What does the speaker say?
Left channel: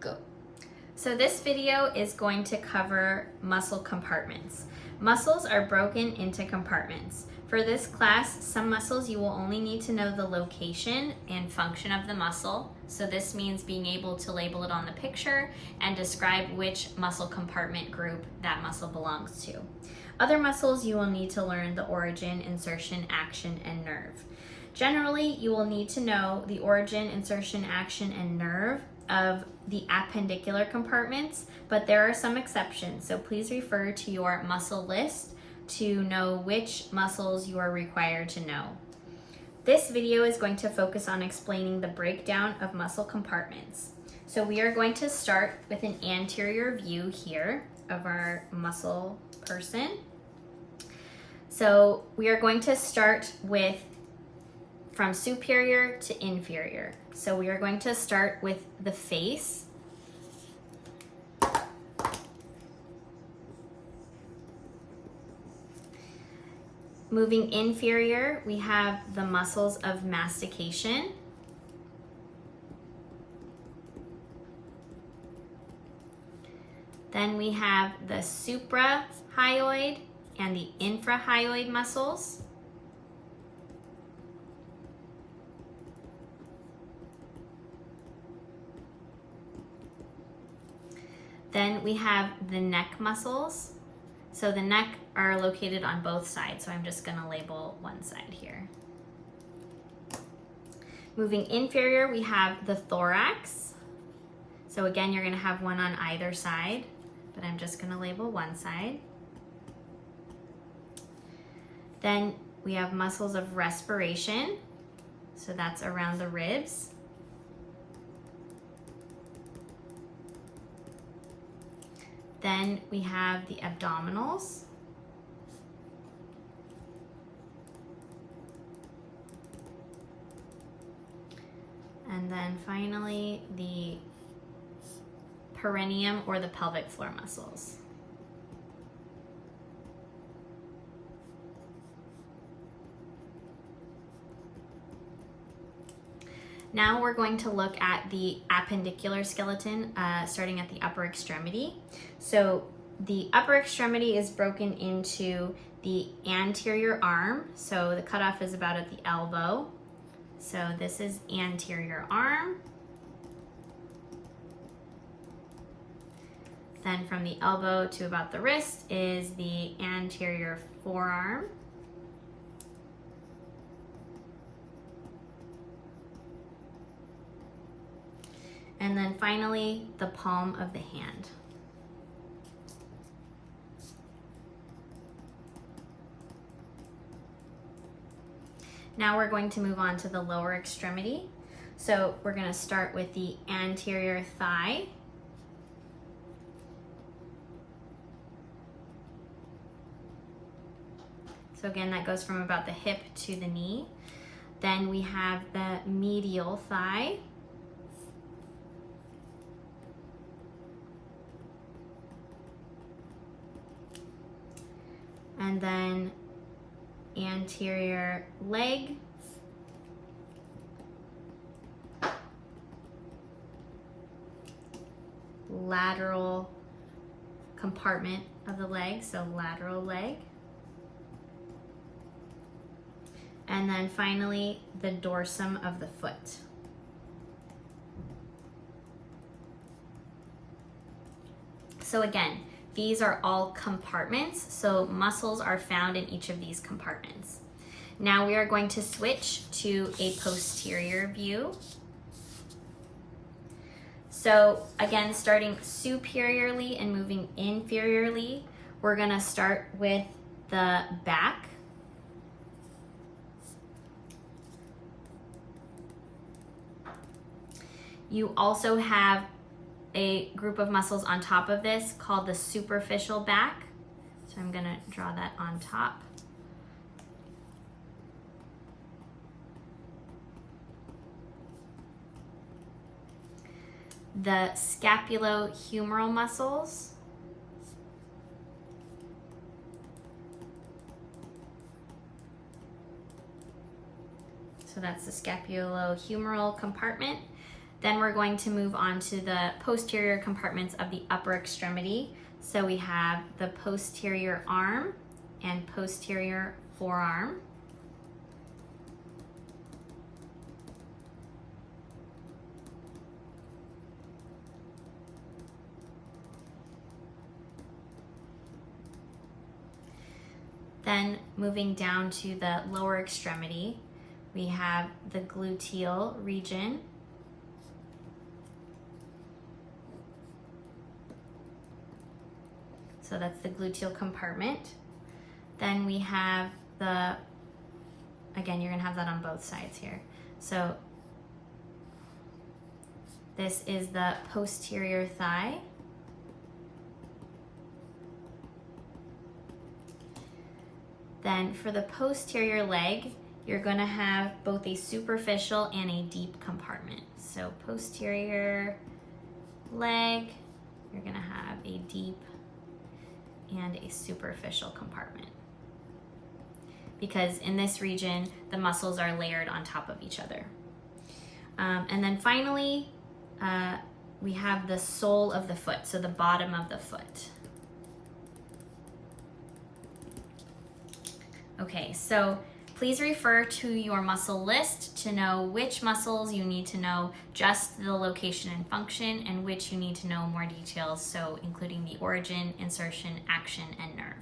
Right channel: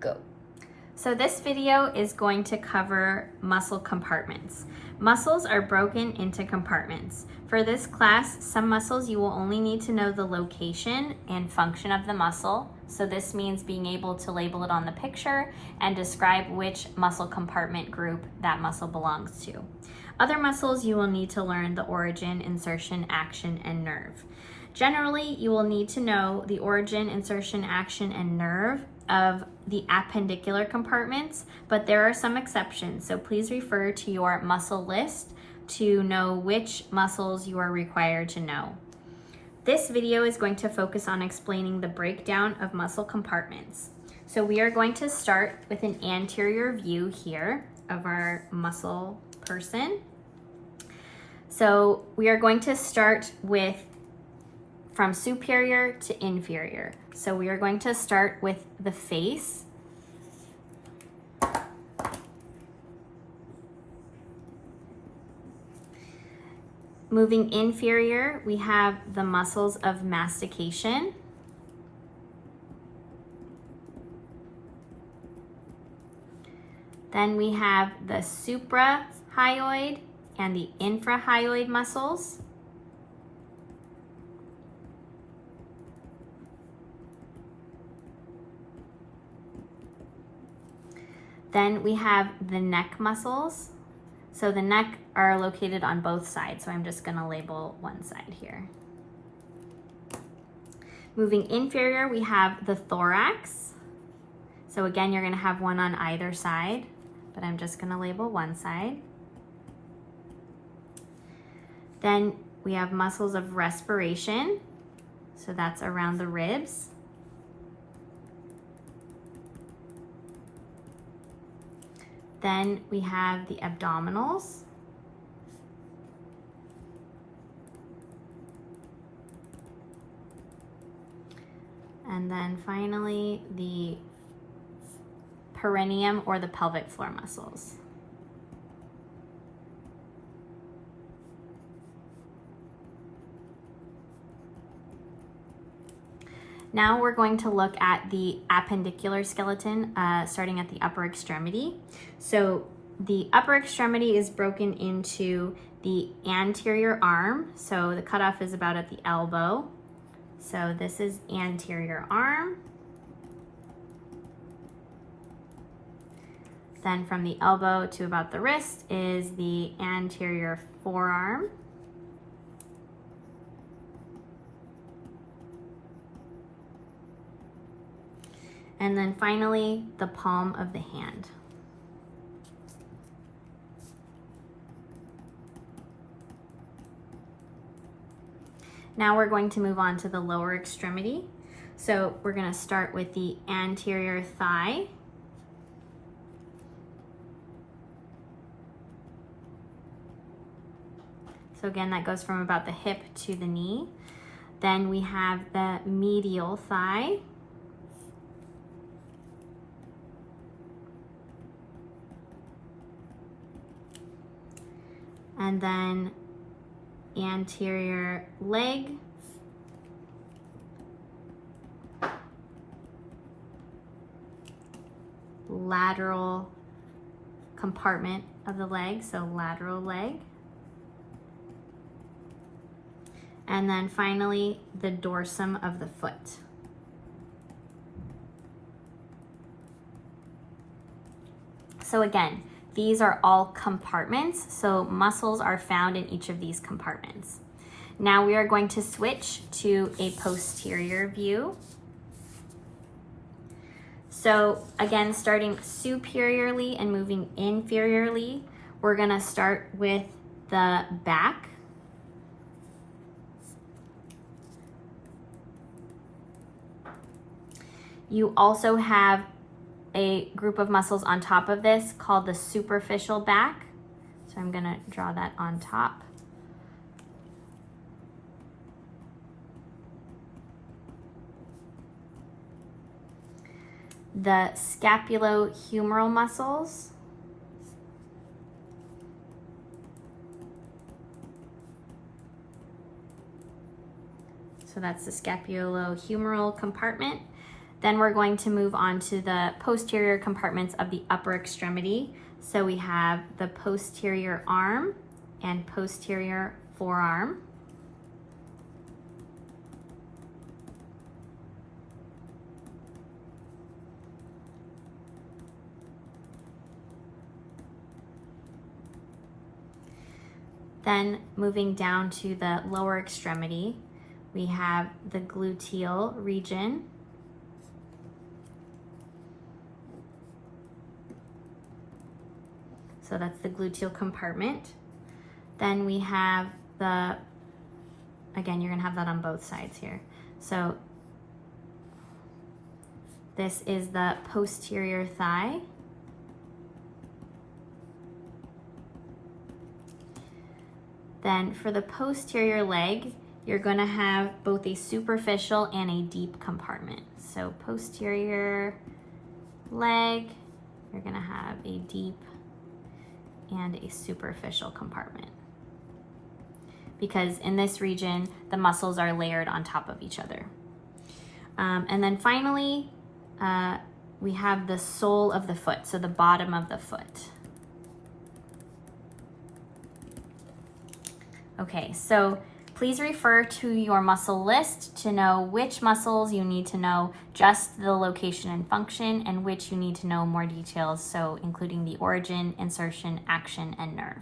Go. So this video is going to cover muscle compartments. Muscles are broken into compartments. For this class, some muscles you will only need to know the location and function of the muscle. So this means being able to label it on the picture and describe which muscle compartment group that muscle belongs to. Other muscles you will need to learn the origin, insertion, action, and nerve. Generally, you will need to know the origin, insertion, action, and nerve of the appendicular compartments, but there are some exceptions, so please refer to your muscle list to know which muscles you are required to know. This video is going to focus on explaining the breakdown of muscle compartments. So we are going to start with an anterior view here of our muscle person. So we are going to start with from superior to inferior. So we are going to start with the face. Moving inferior, we have the muscles of mastication. Then we have the suprahyoid and the infrahyoid muscles. Then we have the neck muscles. So the neck are located on both sides, so I'm just gonna label one side here. Moving inferior, we have the thorax. So again, you're gonna have one on either side, but I'm just gonna label one side. Then we have muscles of respiration. So that's around the ribs. Then we have the abdominals. And then finally, the perineum or the pelvic floor muscles. Now we're going to look at the appendicular skeleton, starting at the upper extremity. So the upper extremity is broken into the anterior arm. So the cutoff is about at the elbow. So this is anterior arm. Then from the elbow to about the wrist is the anterior forearm. And then finally, the palm of the hand. Now we're going to move on to the lower extremity. So we're going to start with the anterior thigh. So again, that goes from about the hip to the knee. Then we have the medial thigh. And then anterior leg. Lateral compartment of the leg, so lateral leg. And then finally, the dorsum of the foot. So again, these are all compartments, so muscles are found in each of these compartments. Now we are going to switch to a posterior view. So again, starting superiorly and moving inferiorly, we're gonna start with the back. You also have a group of muscles on top of this called the superficial back. So I'm gonna draw that on top. The scapulohumeral muscles. So that's the scapulohumeral compartment. Then we're going to move on to the posterior compartments of the upper extremity. So we have the posterior arm and posterior forearm. Then moving down to the lower extremity, we have the gluteal region. So that's the gluteal compartment. Then we have the, again, you're gonna have that on both sides here. So this is the posterior thigh. Then for the posterior leg, you're going to have both a superficial and a deep compartment. So posterior leg, you're going to have a deep and a superficial compartment. Because in this region, the muscles are layered on top of each other. And then finally, we have the sole of the foot, so the bottom of the foot. Okay, so please refer to your muscle list to know which muscles you need to know just the location and function, and which you need to know more details, so including the origin, insertion, action, and nerve.